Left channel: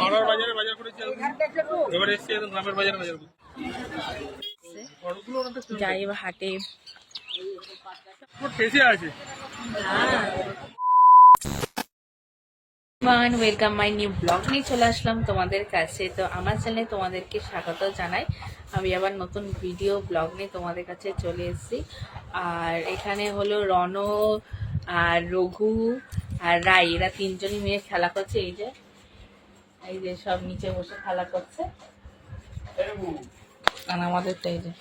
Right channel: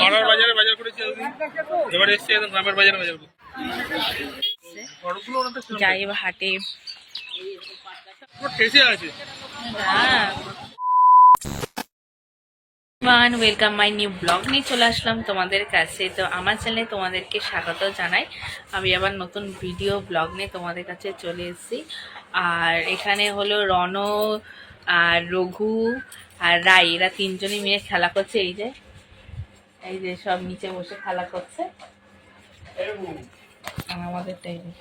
পাড়ার বাজারে বাজার করেছি এবার এসছি একদম গ্রামের বাজারে বাজার। যাই বা হাটে। আছে। ওয়েলকাম মাই নিউ ব্লগ নিয়ে চলে আসলাম তোমাদের কাছে। তো আমার চ্যানেলে তোমাদেরকে স্বাগত জানাই। আমি আবার নতুন ভিডিও ব্লগ নিয়ে তোমাদের কাছে চলে এসেছি। আর এখানে হলো রণ আর রঘু আর রাই। এরা তিনজনই মিলে খেলা করছে এই যে। এই যে সব নিচে বসে খেলা করছে। আর আমাদের তো এই যে।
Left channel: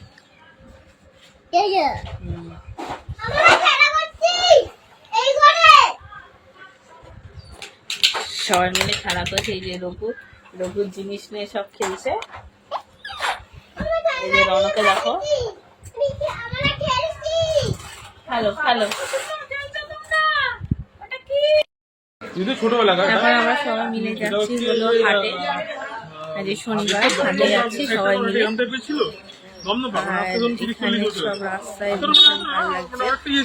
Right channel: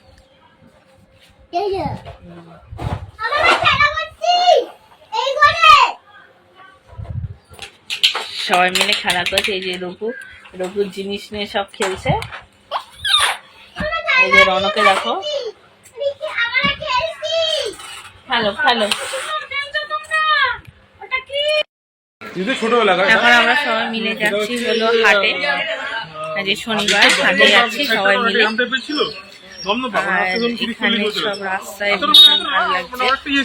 সবাই মিলে খেলা করছে এই যে রঘু। রঘুর জিনিস নিয়ে সব খেলছে। এই যে রনকে দেখো। খেলো খেলো যদি ছোটবেলা এখন আমরা সবাই মিলে যাচ্ছি হলো হাটে। আজ শনিবার হাটে যাচ্ছি সবাই মিলে। আর এখানে সব রাস্তায় ভীষণ ভালো লাগছে। ইয়ে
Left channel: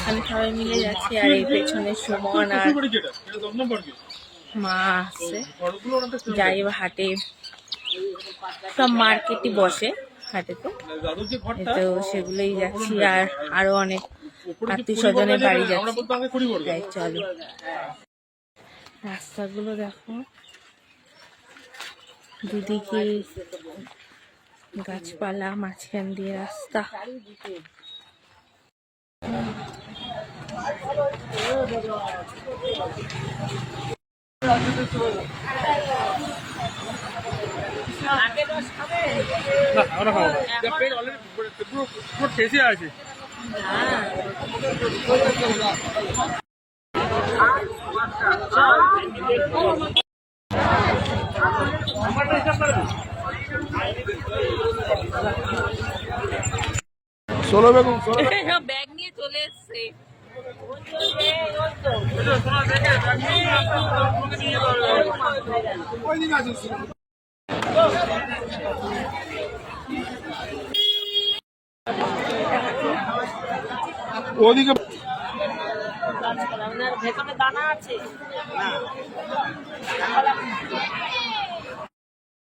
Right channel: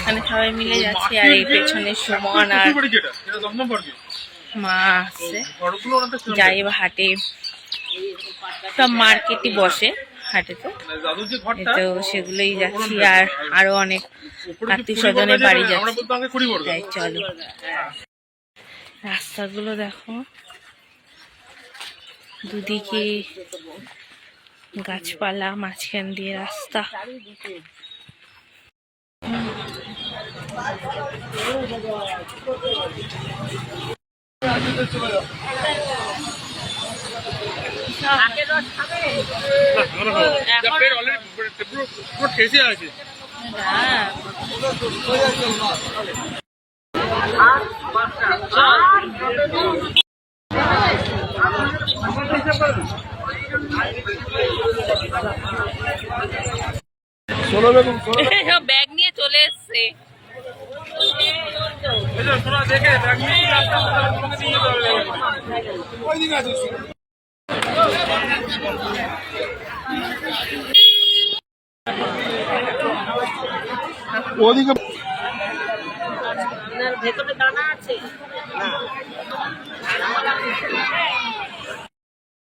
এখানে সবাই মিলে যাচ্ছি আর এই পেছনে সুমন আর মা আসছে। যাই বা হাটে সব মার্কেটই বসে হাটেতে। মানে যে তো সেগুলোই যাচ্ছি আর আরও অনেক আত্মীয় স্বজনের বাড়ি যাচ্ছি। তাই চলো। রাস্তাগুলো দেখো। দুদিকে গাছপালা মাঝখান দিয়ে রাস্তা। পুরো- পুরো- পুরো ঠেসে আছে। হ্যাঁ। ব্যাগ নিয়ে চলে এসছে। ওদিকে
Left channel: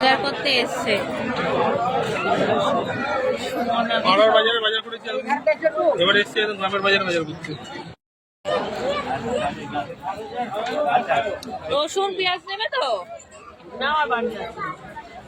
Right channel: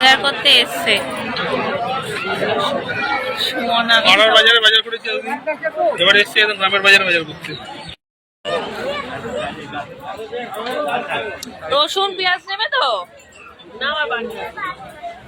বাজার করতে এসছে। সুমন আমি পাড়ার বাজারে বাজার করেছি এবার এসছি একদম গ্রামের বাজারে বাজার করতে। রসুন পেঁয়াজ নেবে তো? না।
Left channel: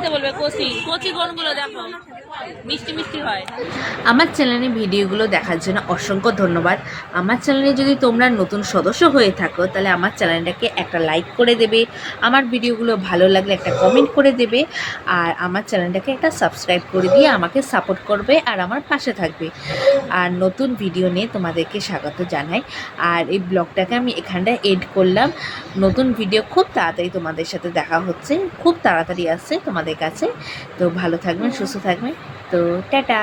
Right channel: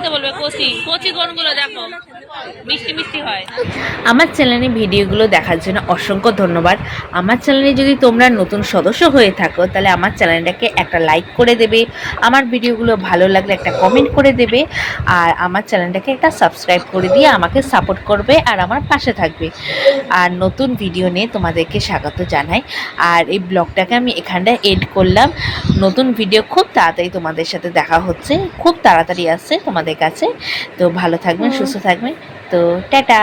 দিতে বলবে কচি। কচি কোনগুলো দেখো? মিষ্টি মিষ্টি হয়। আমার চ্যানেলে ভিডিওগুলো দেখার জন্য অসংখ্য ধন্যবাদ। আমার চ্যানেলে যদি তোমরা নতুন সদস্য হয়ে থাকো, তাহলে আমার চ্যানেলটাকে একটা লাইক করে দেবে, আমার ভিডিওগুলো ভালো লাগলে একটা কমেন্ট করে দেবে, আর আমার চ্যানেলটাকে একটা সাবস্ক্রাইব করে দিয়ে আমাকে সাপোর্ট করবে আর আমার পাশে থাকবে। আর নতুন ভিডিও নিয়ে তোমাদেরকে স্বাগত জানাই। আর এই ব্লগটাকে আমি এখানটায় এড করলাম। নতুন ভিডিও খুব তাড়াতাড়ি তোমাদের সাথে দেখা হচ্ছে, খুব তাড়াতাড়ি আসছে তোমাদের কাছে। তো ভালো থাকবেন, সুস্থ থাকবেন। তো টাটা।